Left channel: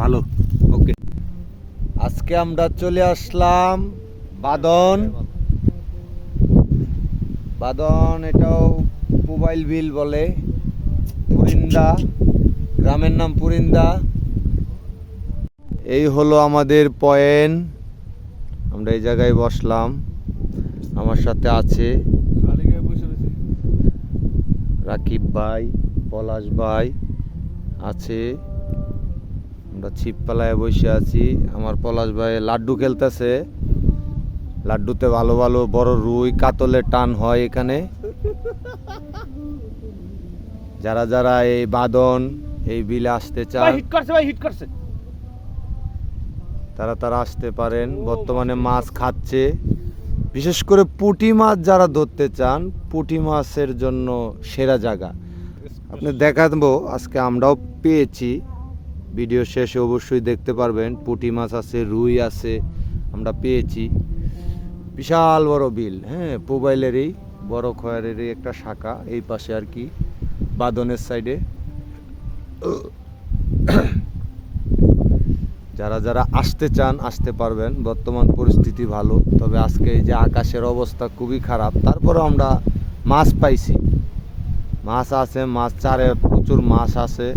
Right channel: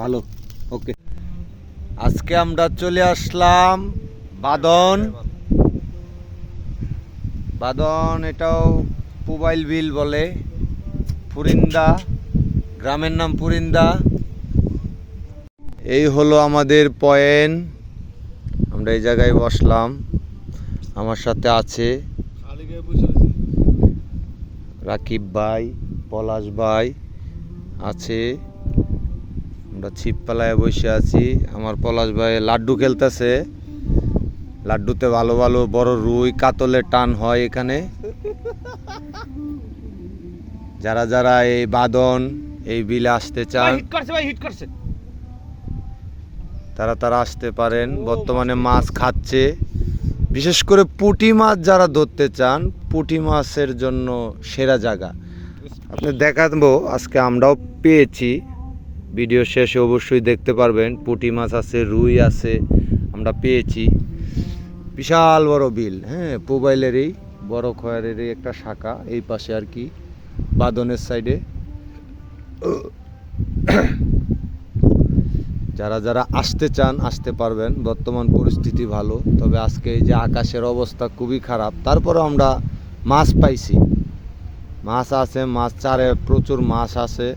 ভালো। ওকে, আজকে আমরা চলে আসলাম বাদন। বাদন এটাও পুবাইল বিল বলে, পুরিন্দা, গ্রামের নাম পুরিন্দা। এই হলো আমাদের পয়েন্ট, আমরা এই জায়গায় বসলাম। আমার সাথে আছে রাকিব ভাই, পলাশ ভাই আছে। আমরা ছিপপালায় বসে আছি। আমার পলাশ ভাই লাড্ডু খেলতেছে। লাড্ডুতে ভালো ভালো বড় রুই কাতলের টান হয় এখানে। যারা যারা এই বাদন এই বিলে আসতে চান তারা আসতে পারেন। বর্তমানে মাছ খাচ্ছে, বিশেষ করে পুঁটি মাছ যারা ধরতে চান, পুঁটি মাছের জন্য সেরা জায়গা। আপনি দেখাবো, আজকে আমরাও পেয়েছি। ভিডিও শেষে অবশ্যই দেখতে পারবেন। পুঁটি মাছ আছে, রুই আছে, আমরা পেয়েছি। বিশাল বড় বিল, হ্যাঁ, পুবাইলেরই বড় খয়ারেরই একটা শাখা এই পাশে আর কি, বাদনের সাইডে। যারা যারা আসতে চান আসতে পারবেন। বর্তমান পরিস্থিতি ভালো, তবে আজকে এই যে আকাশের অবস্থা খুবই খারাপ, তারপরে আমরা মাছ পাইছি। মাছ আছে, মাছ চারে প্রচুর মাছ আছে,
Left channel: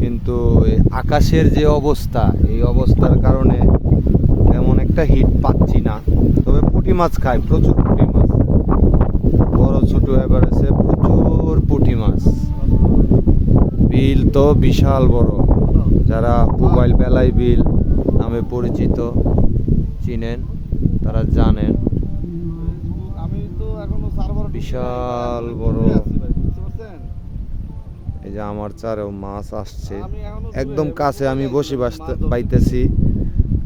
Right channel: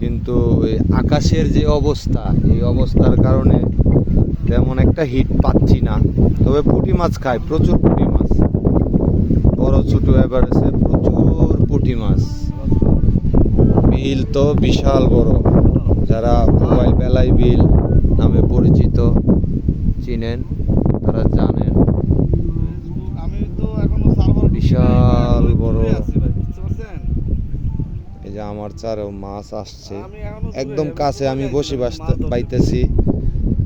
কিন্তু এই আকাশের যে অবস্থা, এই অবস্থার কারণে তেমন একটা হিট পাচ্ছি না। তবে পুঁটি মাছ খায়, প্রচুর পুঁটি মাছ, বড় ছোট এভারেজে প্রচুর পুঁটি মাছ। বিল তো বিশাল বড়, যারা পুবাইল বেলাই বিল নামে পরিচিত চিনেন, তারা জানেন বিশাল বড়। এই যে আমার চারেও মাছ আসছে, একদম কাছে আমি বসে পাইতেছি,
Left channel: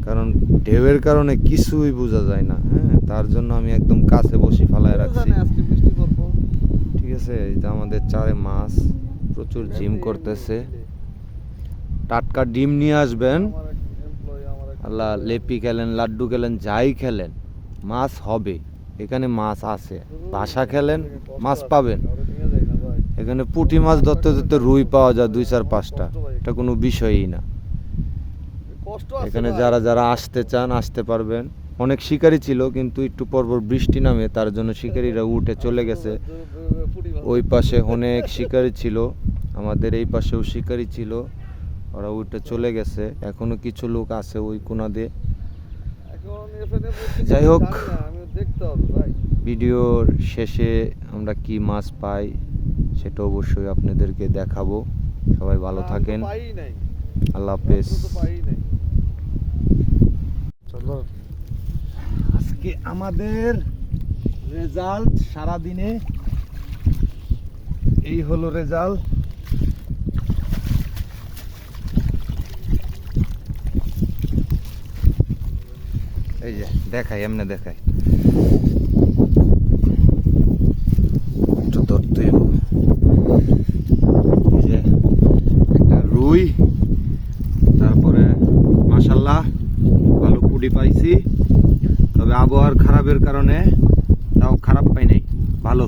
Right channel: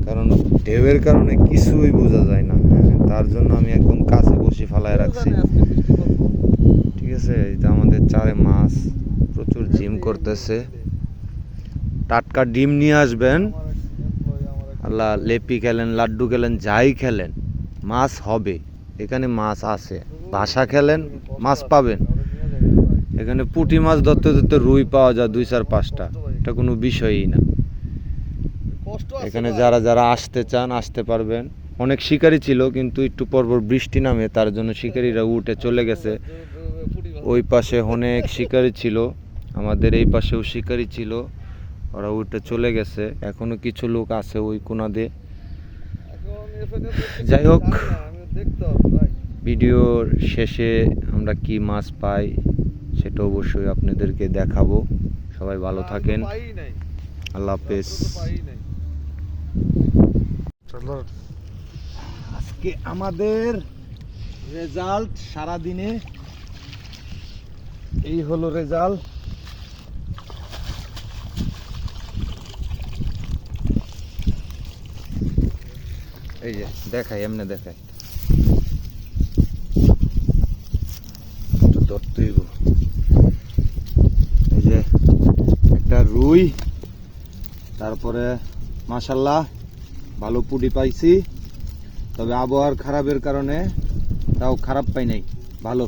কারণ ঢেউয়ের কারণে কিছুই বোঝা যায় না। হ্যাঁ, তার জন্য আমি একদম কাছে বসে ফালায় রাখছি। ঠিক আছে, এই যে আমাদের চারে মাছ প্রচুর জিম করতেছে। টাটকা ডিম নিয়ে আসবেন, আল্লাহ লেপি খেলেন, লাড্ডু খেলেন, যাই খেলেন, মাছ হবে এখানে, মাছ আছে। ভাষা খেলেন, মাছ পাবেন এখানে। পুঁটি মাছ ধরতে ধরতে রুই পাওয়া যায় 2-4-5টা, এটা কোনো বিষয়ই না। এখানে যারা যারা আসতে চান আসতে পারবেন। অনেক শিকারি ছিল, কিন্তু একটু পরপর বৃষ্টি নামে, তার জন্য শিকারিরা উঠে চলে গেছে। ওই পাশে অনেক শিকারি ছিল, আমাদের এই পাশেও শিকারি ছিল, ওরা উঠে চলে গেছে। এখনো কিছু লোক আছে ওই কোনা দিয়ে। যাই হোক, ভিডিওর শেষে আমরা কি মাছ পাই সেটা অবশ্যই আপনাদেরকে দেখাবো। সবাই ভালো থাকেন, আল্লাহ হাফেজ। আজকে আমাদের রেজাল্ট, সারাদিনে এই হলো রেজাল্ট। এই যে দেখাই, এমনি দেখাই, একটু ধরতে। এই যে একটা রুই, তারপরে মাশাআল্লাহ ভালো পুঁটি পাইছি। তবে আবহাওয়ার খারাপের কারণে তাও খারাপ পাই নাই, ভালো।